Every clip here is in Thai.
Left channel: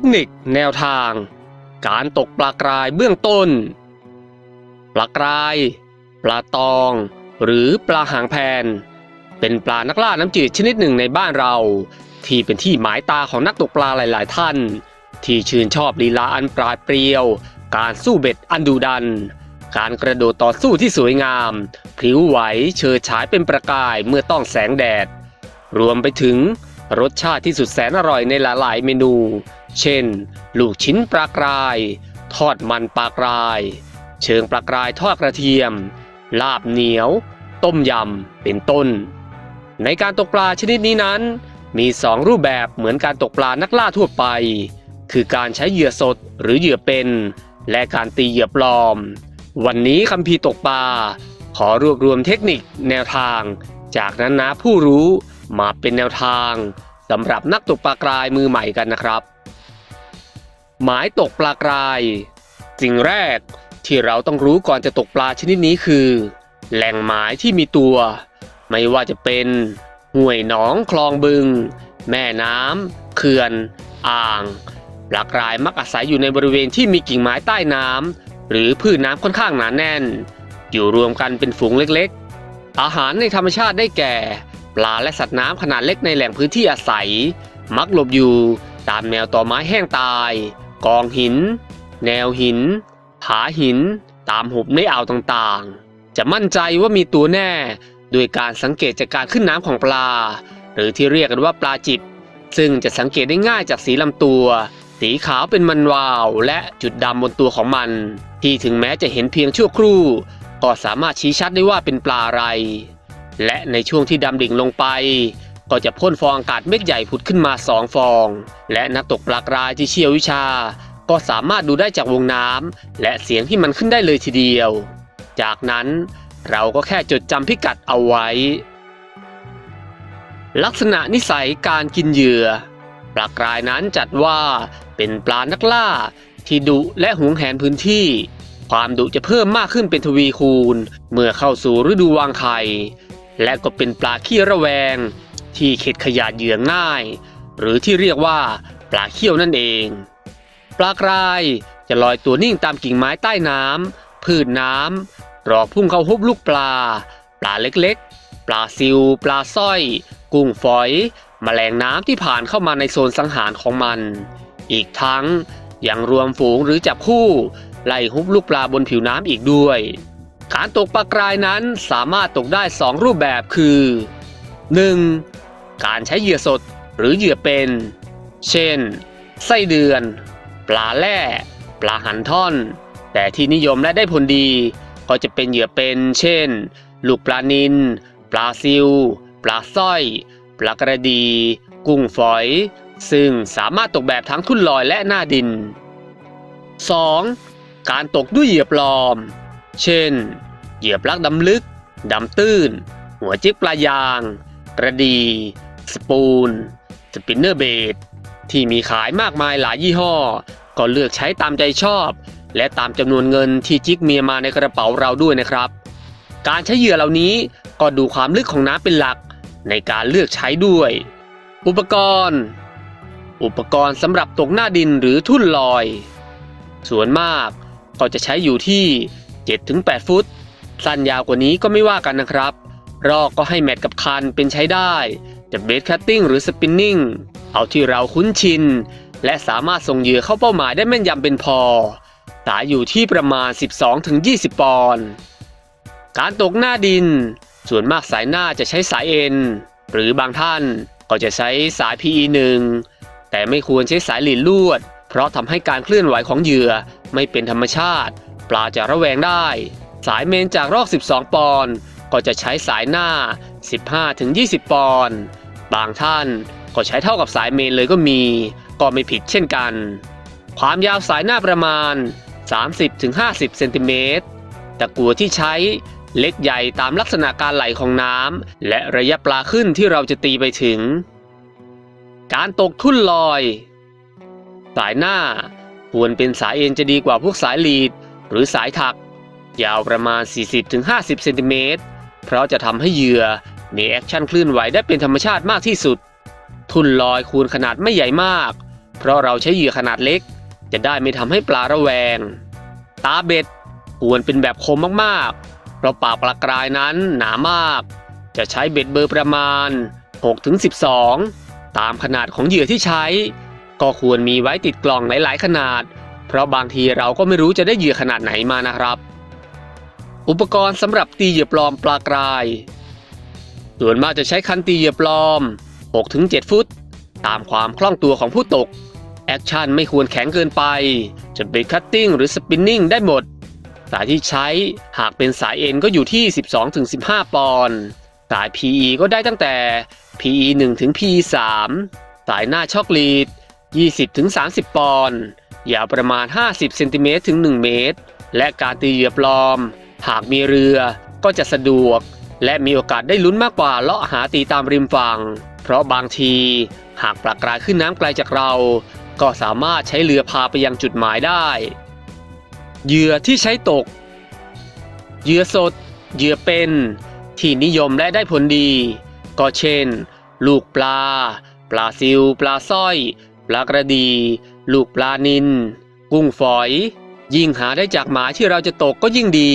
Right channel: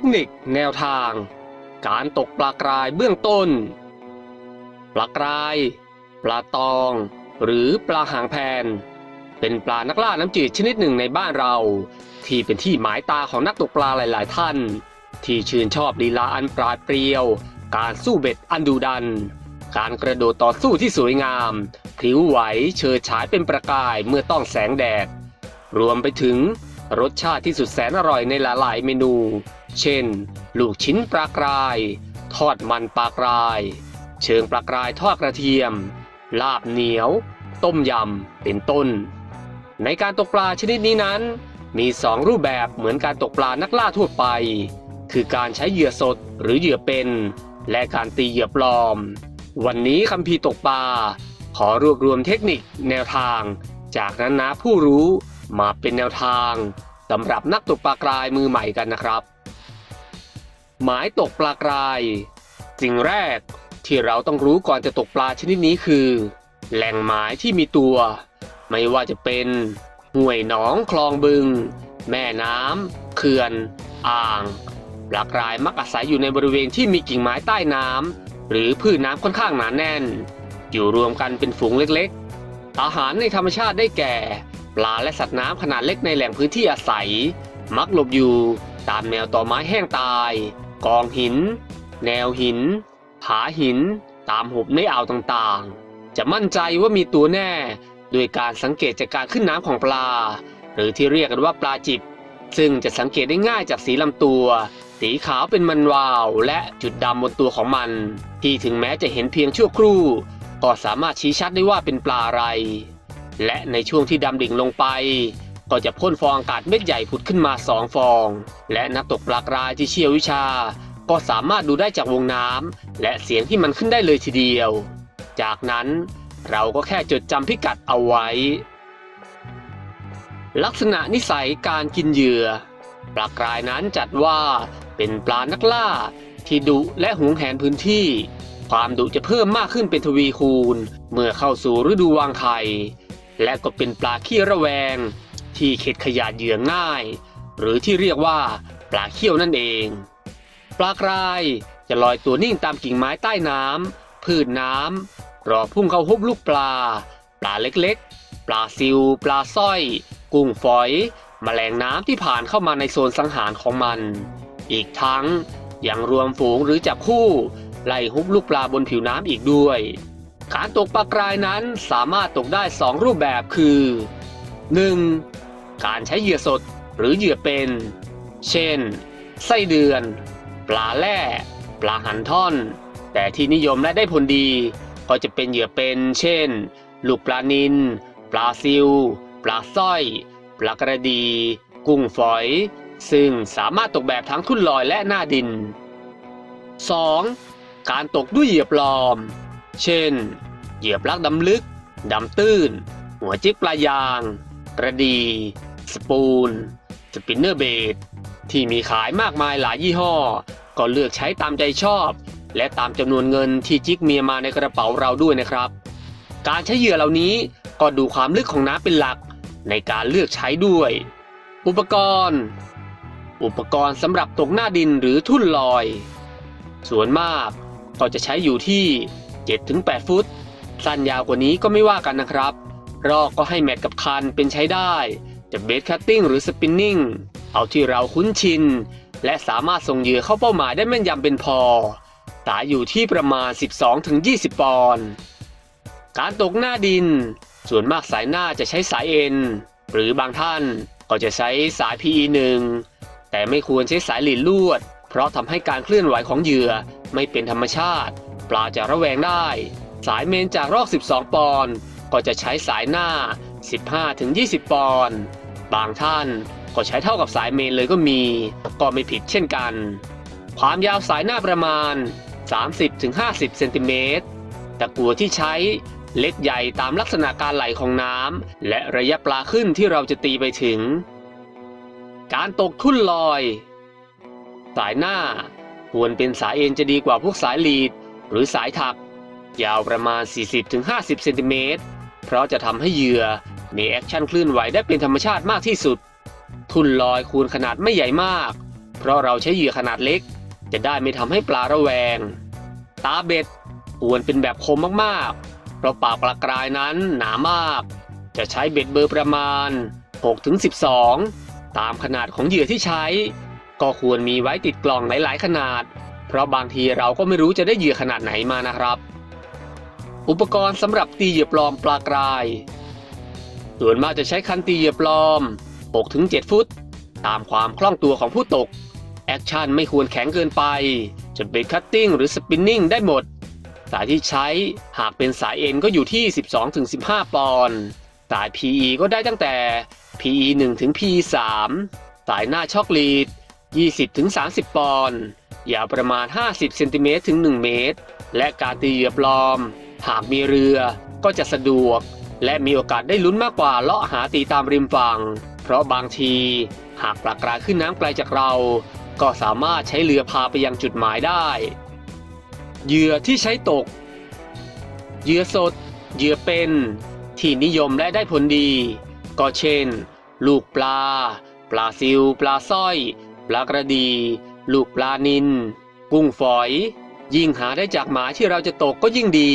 คนิคแนวทาง การตกปลากรายเบื้องต้น ปลากราย ปลาตอง หรือปลาหางแพน เป็นปลานักล่าน้ำจืดชนิดหนึ่งในบ้านเรา ที่เป็นที่หมายตาของนักตกปลาหลาย ๆ ท่าน ที่ชื่นชอบลีลาอันปราดเปรียว การสู้เบ็ดอันดุดัน การกระโดดต่อสู้ที่สวยงามพริ้วไหวเชิดฉายเป็นประกายเมื่อต้องแสงแดด รวมไปถึง รสชาติที่สุดแสนอร่อยในหลาย ๆ เมนู เช่น ลูกชิ้นปลากราย ทอดมันปลากราย เชิงปลากรายทอดกระเทียม ลาบเหนียว ต้มยำ เป็นต้น ในการตกปลาชนิดนี้นั้น มีสองรูปแบบเหมือนการตกปลานักล่าทั่วไป คือการใช้เหยื่อสดหรือเหยื่อเป็น และการตีเหยื่อปลอม วันนี้คัมภีตกปลา ขอรวบรวมเทคนิคแนวทาง จากนั้นนะผู้รู้ มาเป็นแนวทางสำหรับนักตกปลากรายมือใหม่กันนะครับ หมายตกปลากรายสิ่งแรกที่เราต้องรู้ก่อนจะตกปลาชนิดนี้คือ แหล่งหมายที่มีตัว ไม่ว่าจะเป็นห้วยหนองคลองบึง แม่น้ำเขื่อน อ่างปลากรายมักอาศัยอยู่ในบริเวณที่มีกิ่งไม้ใต้น้ำหรือพืชน้ำค่อนข้างหนาแน่น อยู่รวมกันเป็นฝูงเล็กๆ อาหารในธรรมชาติได้แก่ ปลาและสัตว์น้ำขนาดเล็กในแหล่งพื้นที่อาศัย มักหลบอยู่ตามแนวต่อไม้แห้งตาย กองหิน แนวหิน ผาหิน ตามหุบในอ่าวต่างๆ จะมั่นใจว่ามีตัวแน่โดยการสังเกตจากการขึ้นน้ำของปลา หรือที่เรียกกันว่าปลาจิบ ซึ่งจะสังเกตได้ง่ายจากสีลำตัว สีขาวเป็นมันวาว และจุดดำบนตัวของมัน ที่ถึงแม้จะเห็นเพียงชั่วครู่ ก็สามารถชี้ชัดได้ว่าเป็นปลาอะไร และในช่วงที่ดำดิ่งลงไป ก็จะพ่นฟองอากาศเม็ดใหญ่ผุดขึ้นมาสองฟอง และนักตกปลากรายที่เชี่ยววิชา ก็สามารถดูได้จากวงน้ำและเสียงที่มันขึ้นได้เลยทีเดียว จากนั้นเราก็แค่จดจำพิกัดเอาไว้ ลักษณะนิสัยการกินเหยื่อปลากรายนั้นจัดว่าเป็นปลานักล่า ที่ดุและหวงแหนพื้นที่ ความดุจะเพิ่มมากขึ้นเป็นทวีคูณ เมื่อเข้าสู่ฤดูวางไข่ และก็เป็นปลาขี้ระแวง ที่เข็ดขยาดเหยื่อง่าย หรือที่เรียกว่าปลาเขี้ยวนั่นเอง ปลากรายจะลอยตัวนิ่งตามกิ่งไม้ใต้น้ำพืชน้ำรอพุ่งเข้าฮุบลูกปลา ปลาเล็กๆ ปลาซิว ปลาสร้อย กุ้งฝอยแมลงน้ำที่ผ่านเข้ามาในโซนสังหารของมัน อีกทั้งยังรวมฝูงหรือจับคู่ไล่ฮุบลูกปลาบนผิวน้ำอีกด้วย การตกปลากรายนั้นสามารถตกได้ 2 รูปแบบคือ 1. การใช้เหยื่อสดหรือเหยื่อเป็น เช่น ไส้เดือน ปลาแร่ปลาหันท่อน แต่ที่นิยมและได้ผลดี ก็จะเป็นเหยื่อเป็น เช่น ลูกปลานิลปลาซิว ปลาสร้อย ปลากระดี กุ้งฝอย ซึ่งสามารถตกแบบทั้งทุ่นลอยและหน้าดิน 2. การตกด้วยเหยื่อปลอม เช่น เหยื่อปลักดำลึก ดำตื้น หัวจิ๊กปลายาง กระดี สปูน สปินเนอร์เบดที่มีขายมากมายหลายยี่ห้อ ก็เลือกใช้ตามใจชอบ และตามจำนวนเงินที่จิกเมียมาในกระเป๋าเราด้วยนะครับ การใช้เหยื่อเหล่านี้ก็ดูความลึกของน้ำเป็นหลักในการเลือกใช้ด้วย อุปกรณ์ อุปกรณ์สำหรับตกหน้าดินหรือทุ่นลอย ส่วนมากก็จะใช้อยู่ที่ 7-8 ฟุต สั้นยาวกว่านี้ก็ไม่ว่ากันนะครับ รอกก็ให้แมทกับคันเป็นใช้ได้ จะเบสคัตติ้งหรือสปินนิ่งเอาที่เราคุ้นชิน และสามารถส่งเหยื่อเข้าเป้าหมายได้แม่นยำเป็นพอ สายอยู่ที่ประมาณ 12-20 ปอนด์การตกหน้าดิน ส่วนมากสายหน้าจะใช้สายเอ็น หรือบางท่านก็จะใช้สาย PE1 แต่ไม่ควรใช้สายหลีดลวด เพราะทำให้การเคลื่อนไหวของเหยื่อไม่เป็นธรรมชาติ ปลาจะระแวงได้ สายเมนจากรอก12 ปอนด์ก็จะใช้สายหน้า 15-20 ปอนด์บางท่านก็ใช้เท่ากับสายเมนเลยก็มี ก็ไม่ผิดเช่นกัน ความยาวสายหน้าประมาณ 30-50 เซนติเมตรตะกัวที่ใช้เล็กใหญ่ตามลักษณะการไหลของน้ำและระยะปลาขึ้นที่เราจะตีไปถึง การตกทุ่นลอย สายหน้าควรเป็นสายเอ็นจะดีกว่าพวกสายลีด หรือสายถัก ยาวประมาณ 40-50 เซนติเมตร เพราะจะทำให้เหยื่อมีแอคชั่นคลื่นไหวได้เป็นธรรมชาติมากที่สุด ทุ่นลอยควรขนาดไม่ใหญ่มาก เพราะเราใช้เหยื่อขนาดเล็ก จะได้ไม่ทำให้ปลาระแวง ตาเบ็ดควรเป็นแบบคมมากๆ เพราะปากปลากรายนั้นหนามาก จะใช้เบ็ดเบอร์ประมาณ 6-12 ตามขนาดของเหยื่อที่ใช้ ก็ควรมีไว้ติดกล่องหลาย ๆ ขนาด ราะบางทีเราก็ไม่รู้จะได้เหยื่อขนาดไหนมานะครับ อุปกรณ์สำหรับตีเหยื่อปลอมปลากราย ส่วนมากจะใช้คันตีเหยื่อปลอม 6-7 ฟุต ตามความคล่องตัวของผู้ตก แอคชั่นไม่ควรแข็งเกินไป จะเป็นคัตติ้งหรือสปินนิ่งได้หมด สายที่ใช้หากเป็นสายเอ็นก็อยู่ที่ 12-15 ปอนด์สาย PE ก็ได้ตั้งแต่ PE 1 ถึง PE 3สายหน้าช็อกลีด 20ถึง30 ปอนด์ยาวประมาณ 50เซนติเมตรถึง 1 เมตร และการตีเหยื่อปลอม หากมีเรือก็จะสะดวก และมีโอกาสได้ลุ้นมากกว่าเลาะหาตีตามริมฝั่ง เพราะบางที หากปลากรายขึ้นน้ำไกลจากเรา ก็สามารถใช้เรือพาไปยังจุดหมายได้เหยื่อที่ใช้ตกเหยื่อสดเหยื่อเป็นที่นิยมและได้ผลดี ก็เช่น ลูกปลา ปลาซิว ปลาสร้อย ปลากระดี ลูกปลานิน กุ้งฝอย ยิ่งหาได้จากหมาที่เราจะตกก็ยิ่งดี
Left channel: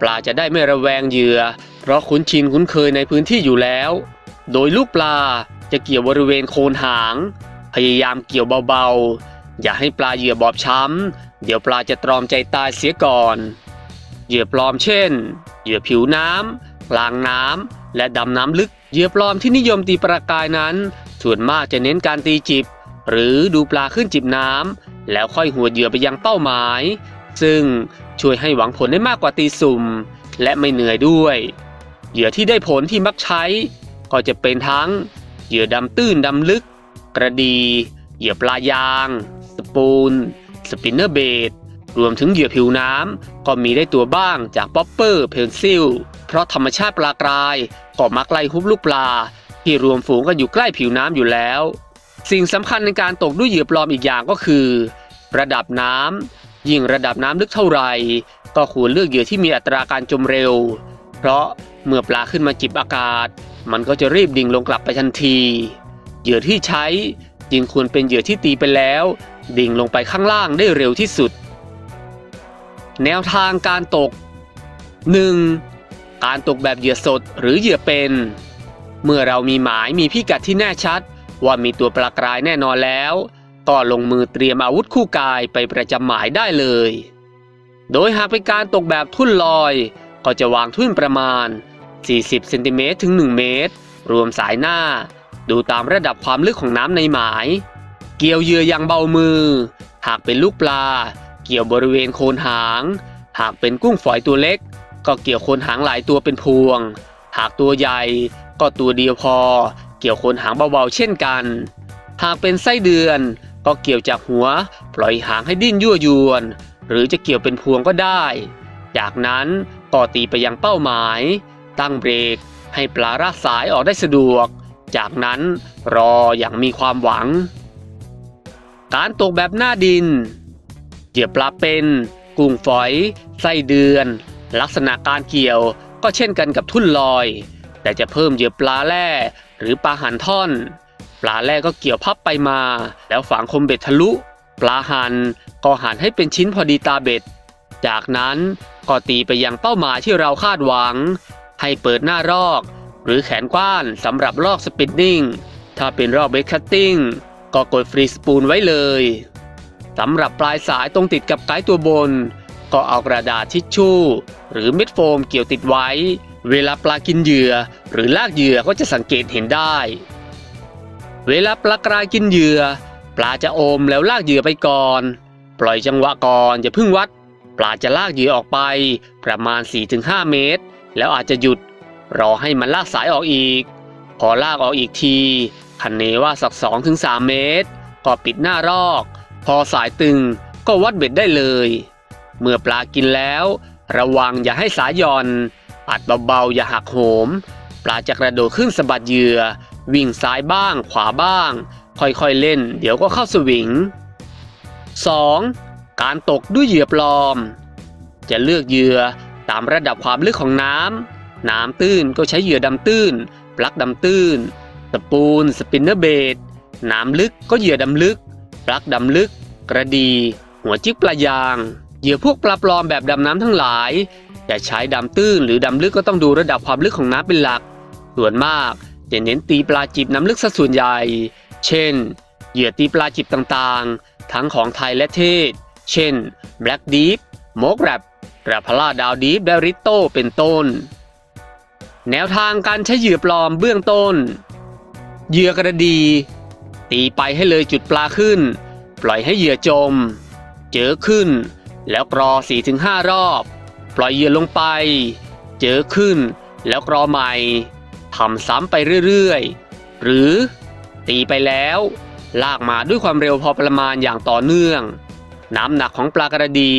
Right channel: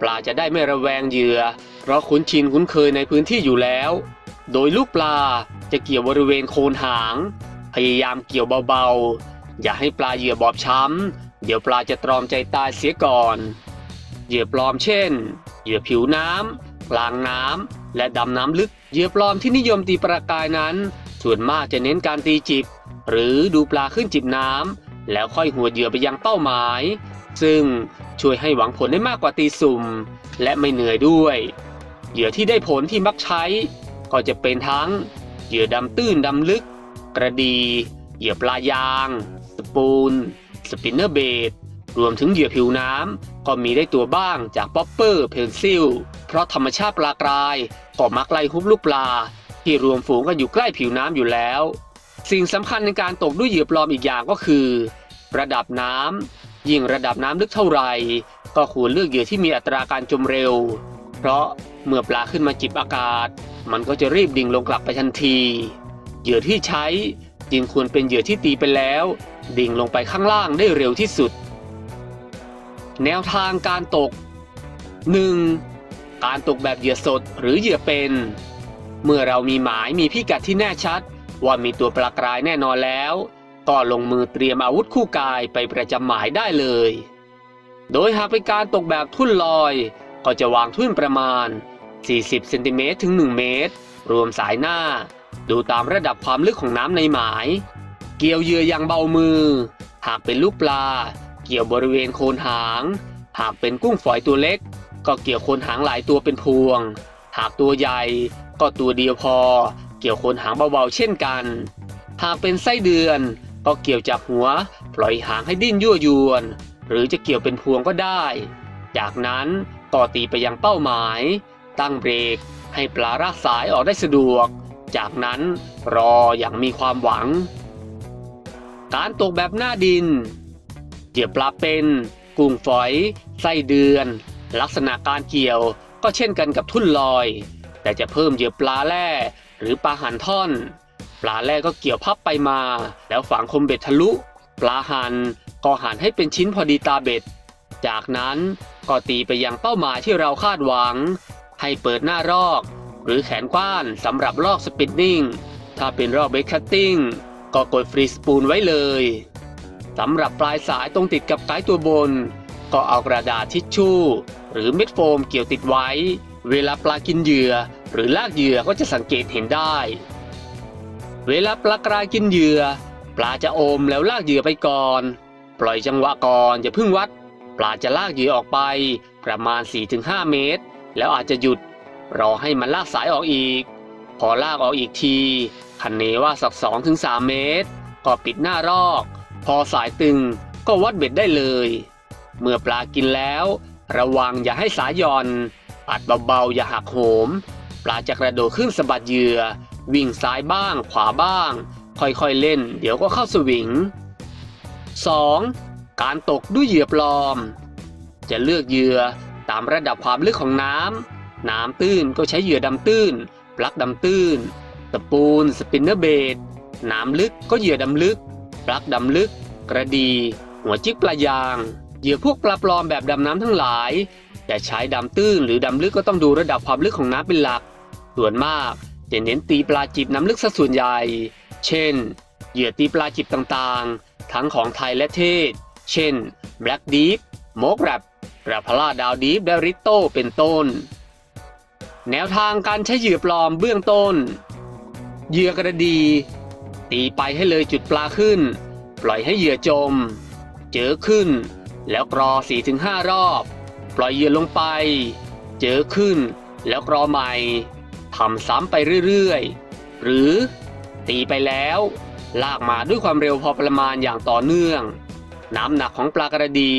ปลาจะได้ไม่ระแวงเหยื่อ เพราะคุ้นชินคุ้นเคยในพื้นที่อยู่แล้ว โดยลูกปลาจะเกี่ยวบริเวณโคนหาง พยายามเกี่ยวเบาๆ อย่าให้ปลาเหยื่อบอบช้ำ เดี๋ยวปลาจะตรอมใจตายเสียก่อน เหยื่อปลอมเช่น เหยื่อผิวน้ำกลางน้ำและดำน้ำลึก เหยื่อปลอมที่นิยมตีปลากายนั้น ส่วนมากจะเน้นการตีจิบ หรือดูปลาขึ้นจิบน้ำแล้วค่อยหัวเหยื่อไปยังเป้าหมาย ซึ่งช่วยให้หวังผลได้มากกว่าตีสุ่ม และไม่เหนื่อยด้วย เหยื่อที่ได้ผลที่มักใช้ ก็จะเป็นทั้งเหยื่อดำตื้นดำลึก กระดี เหยื่อปลายาง สปูน สปินเนอร์เบดรวมถึงเหยื่อผิวน้ำก็มีได้ตัวบ้างจากป๊อปเปอร์เพนซิล เพราะธรรมชาติปลากรายก็มักไล่ฮุบลูกปลา ที่รวมฝูงกันอยู่ใกล้ผิวน้ำอยู่แล้ว สิ่งสำคัญในการตกด้วยเหยื่อปลอมอีกอย่างก็คือ ระดับน้ำยิ่งระดับน้ำลึกเท่าไหร่ก็ควรเลือกเหยื่อที่มีอัตราการจมเร็ว เพราะเมื่อปลาขึ้นมาจิบอากาศ มันก็จะรีบดิ่งลงกลับไปทันที เหยื่อที่ใช้จึงควรเป็นเหยื่อที่ตีไปแล้ว ดิ่งลงไปข้างล่างได้เร็วที่สุด แนวทางการตก 1. การตกแบบเหยื่อสดหรือเหยื่อเป็น เมื่อเรามีหมายมีพิกัดที่แน่ชัด ว่ามีตัวปลากรายแน่นอนแล้ว ก็ลงมือเตรียมอาวุธคู่กายไปประจำหมายได้เลย โดยหากเป็นการตกแบบทุ่นลอย ก็จะวางทุ่นประมาณ 40เซนติเมตรถึง 1 เมตร รวมสายหน้า ดูตามระดับความลึกของน้ำในหมาย เกี่ยวเหยื่ออย่างเบามือ หากเป็นลูกปลา เกี่ยวบริเวณโคนหาง หากเป็นกุ้งฝอยตัวเล็ก ก็เกี่ยวโคนหางหลายตัวเป็นพวง หากตัวใหญ่ก็ตัวเดียวพอ เกี่ยวโคนหางเบาๆเช่นกัน หากเป็นไส้เดือน ก็เกี่ยวจากหัวปล่อยหางให้ดิ้นยั่วยวน หรือจะเกี่ยวเป็นพวงก็ได้ จากนั้นก็ตีไปยังเป้าหมาย ตั้งเบรก ให้ปลารากสายออกได้สะดวก จากนั้นรออย่างมีความหวัง การตกแบบหน้าดินเหยื่อปลาเป็นกุ้งฝอย ไส้เดือน ลักษณะการเกี่ยวก็เช่นกันกับทุ่นลอย แต่จะเพิ่มเหยื่อปลาแร่ หรือปลาหันท่อน ปลาแร่ก็เกี่ยวพับไปมา แล้วฝังคมเบ็ดทะลุ ปลาหันก็หันให้เป็นชิ้นพอดีตาเบ็ด จากนั้นก็ตีไปยังเป้าหมายที่เราคาดหวัง ให้เปิดหน้ารอก หรือแขนกว้านสำหรับลอกสปินนิ่งถ้าเป็นรอบเบรกคัตติ้งก็กดฟรีสปูลไว้เลยสำหรับปลายสายตรงติดกับไกด์ตัวบน ก็เอากระดาษทิชชู่ หรือเม็ดโฟมเกี่ยวติดไว้ เวลาปลากินเหยื่อ หรือลากเหยื่อก็จะสังเกตเห็นได้ เวลาปลากรายกินเหยื่อ ปลาจะอมแล้วลากเหยื่อไปก่อน ปล่อยจังหวะก่อนอย่าพิ่งวัด ปลาจะลากเหยื่อออกไปประมาณ 4-5 เมตร แล้วอาจจะหยุด รอให้มันลากสายออกอีก พอลากออกอีกทีคันเนว่าสัก 2-3 เมตร ก็ปิดหน้ารอก พอสายตึงก็วัดเบ็ดได้เลย เมื่อปลากินแล้ว ระวังอย่าให้สายหย่อน อัดเบาๆอย่าหักโหม ปลาจะกระโดดขึ้นสะบัดเหยื่อ วิ่งซ้ายบ้าง ขวาบ้าง ค่อยๆเล่น เดี๋ยวก็เข้าสวิง 2. การตกด้วยเหยื่อปลอม จะเลือกเหยื่อตามระดับความลึกของน้ำ น้ำตื้นก็ใช้เหยื่อดำตื้น ปลักดำตื้นตะปูน สปินเนอร์เบดน้ำลึกก็เหยื่อดำลึก ปลักดำลึก กระดี หัวจิกปลายาง เหยื่อพวกปลาปลอมแบบดำน้ำทั้งหลายจะใช้ดำตื้นหรือดำลึกก็ต้องดูระดับความลึกของน้ำเป็นหลัก ส่วนมากจะเน้นตีปลาจิบน้ำลึกซะส่วนใหญ่ เช่น เหยื่อตีปลาจิบต่างๆ ทั้งของไทยและเทศ เช่น Black Deep โมกแรปแรปพลาดาวดีและริโตเป็นต้น แนวทางการใช้เหยื่อปลอมเบื้องต้น เหยื่อกระดี ตีไปให้เลยจุดปลาขึ้น ปล่อยให้เหยื่อจม เจอขึ้น แล้วกรอ 4-5 รอบ ปล่อยเหยื่อลงไป เจอขึ้น แล้วกรอใหม่ำซ้ำไปเรื่อยๆ หรือตีไปแล้ว ลากมาด้วยความเร็วพอประมาณอย่างต่อเนื่อง น้ำหนักของปลากระดี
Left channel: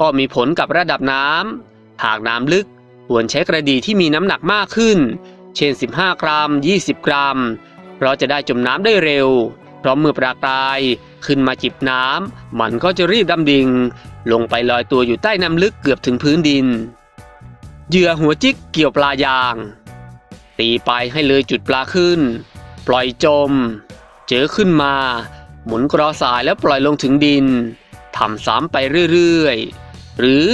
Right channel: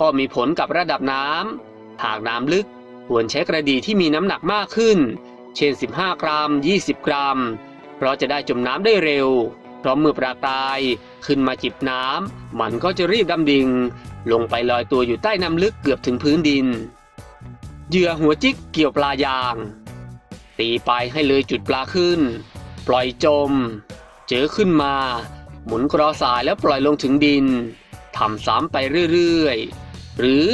ก็มีผลกับระดับน้ำหากน้ำลึกควรใช้กระดีที่มีน้ำหนักมากขึ้น เช่น 15 กรัม 20 กรัม เพราะจะได้จมน้ำได้เร็ว เพราะเมื่อปลากรายขึ้นมาจิบน้ำมันก็จะรีบดำดิ่ง ลงไปลอยตัวอยู่ใต้น้ำลึกเกือบถึงพื้นดิน เหยื่อหัวจิกเกี่ยวปลายาง ตีไปให้เลยจุดปลาขึ้น ปล่อยจม เจอขึ้นมา หมุนกรอสายแล้วปล่อยลงถึงดินทำซ้ำไปเรื่อยๆ หรือ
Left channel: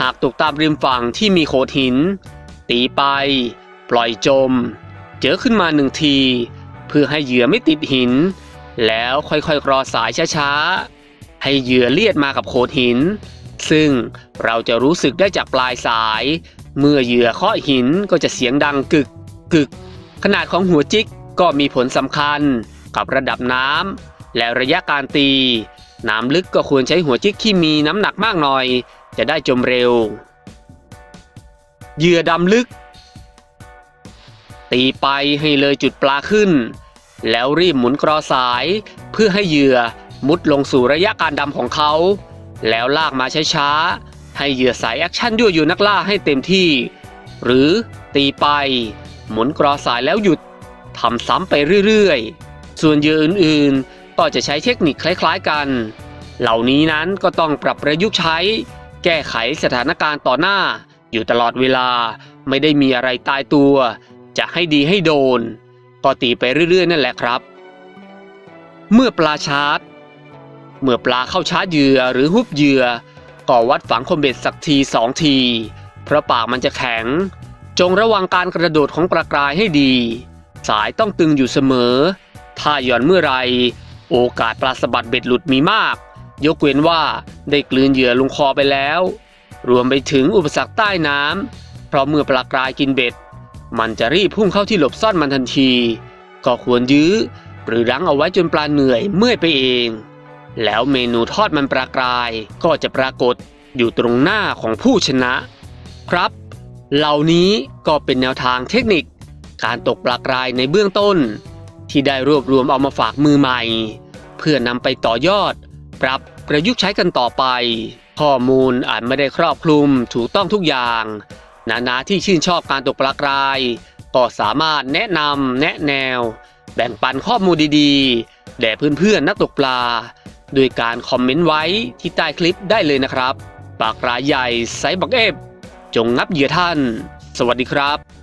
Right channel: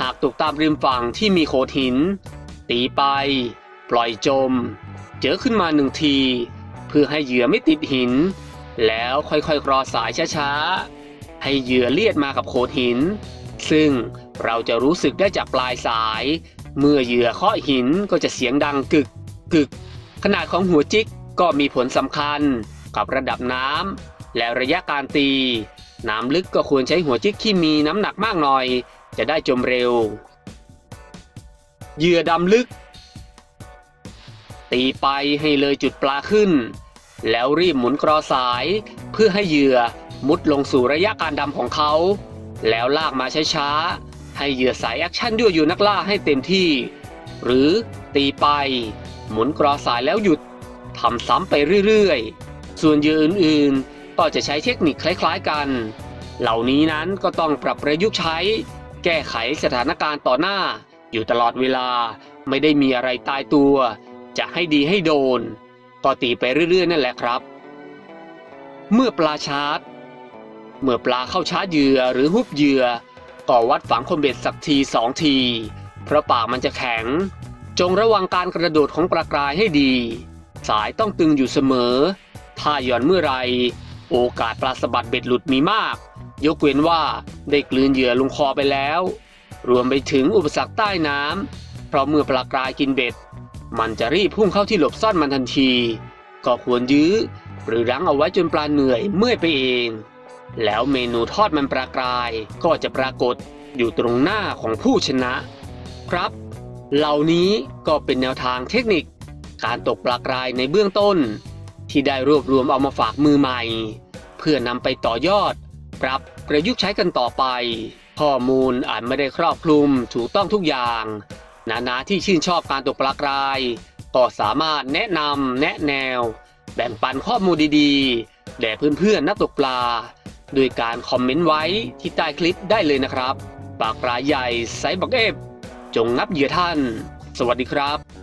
หากตกตามริมฝั่งที่มีโขดหิน ตีไป ปล่อยจม เจอขึ้นมาหนึ่งที เพื่อให้เหยื่อไม่ติดหิน แล้วค่อยๆกรอสายช้าๆ ให้เหยื่อเลียดมากับโขดหิน ซึ่งเราจะรู้สึกได้จากปลายสาย เมื่อเหยื่อเคาะหินก็จะเสียงดังกึก กึก ขนาดของหัวจิกก็มีผลสำคัญกับระดับน้ำและระยะการตี น้ำลึกก็ควรใช้หัวจิกที่มีน้ำหนักมากหน่อย จะได้จมเร็ว เหยื่อดำลึก ตีไปให้เลยจุดปลาขึ้น แล้วรีบหมุนกรอสาย เพื่อให้เหยื่อมุดลงสู่ระยะการดำของเขา แล้วลากมาช้าๆให้เหยื่อสายแอคชั่นยั่วอยู่นักล่าให้เต็มที่ หรือตีไป หมุนกรอสายแล้วหยุดทำซ้ำไปเรื่อยๆ ส่วนเหยื่ออื่นๆ ก็จะใช้เทคนิคคล้ายๆกัน เหล่านี้นั้นก็ต้องปรับประยุกต์ใช้ แก้ไขสถานการณ์ต่อหน้า อยู่ตลอดเวลาไม่ได้มีอะไรตายตัว จะให้ดีให้โดน ก็ตีไปเรื่อยๆ นั่นแหละครับ เมื่อปลาชาร์จ เมื่อปลาเข้าชาร์จเหยื่อหรือฮุบเหยื่อก็วัดฝังคมเบ็ดสักทีสองที เพราะปากมันจะแข็ง จงระวังการกระโดดของปลากรายให้ดี สายต้องตึงอยู่เสมอ ถ้าหย่อนเมื่อไร โอกาสปลาสะบัดเบ็ดหลุดมีมาก ยกเว้นว่าได้กลืนเหยื่อลงคอไปแล้ว รวมไปถึงอุปสรรคใต้น้ำเพราะเมื่อปลากรายกินเบ็ด มันจะรีบพุ่งเข้าที่หลบซ่อนมันทันที ก็ควรยื้อ หรือรั้งเอาไว้จนปลาเหนื่อยเมื่อยไปเอง แล้วเมนูทอดมันปลากรายก็จะปรากฏอยู่ตรงหน้าของผู้ชนะครับ เหล่านี้ก็เป็นแนวทางเทคนิค การตกปลากรายในเบื้องต้น ที่ได้รวบรวมเอามาฝากมือใหม่ เพื่อนำไปต่อยอด ปรับประยุกต์ใช้กันต่อไป ข้อมูลอาจไม่ได้ครอบคลุมถูกต้องทุกอย่าง นานาที่ชื่นชอบการตกปลากราย ก็สามารถแนะนำแนะแนว แบ่งปันข้อมูลดีๆ แด่เพื่อนๆนักตกปลาโดยการคอมเมนต์ไว้ที่ใต้คลิปได้เลยนะครับปลากรายใหญ่ไซส์บักเอฟ จงงับเหยื่อท่าน สวัสดีครับ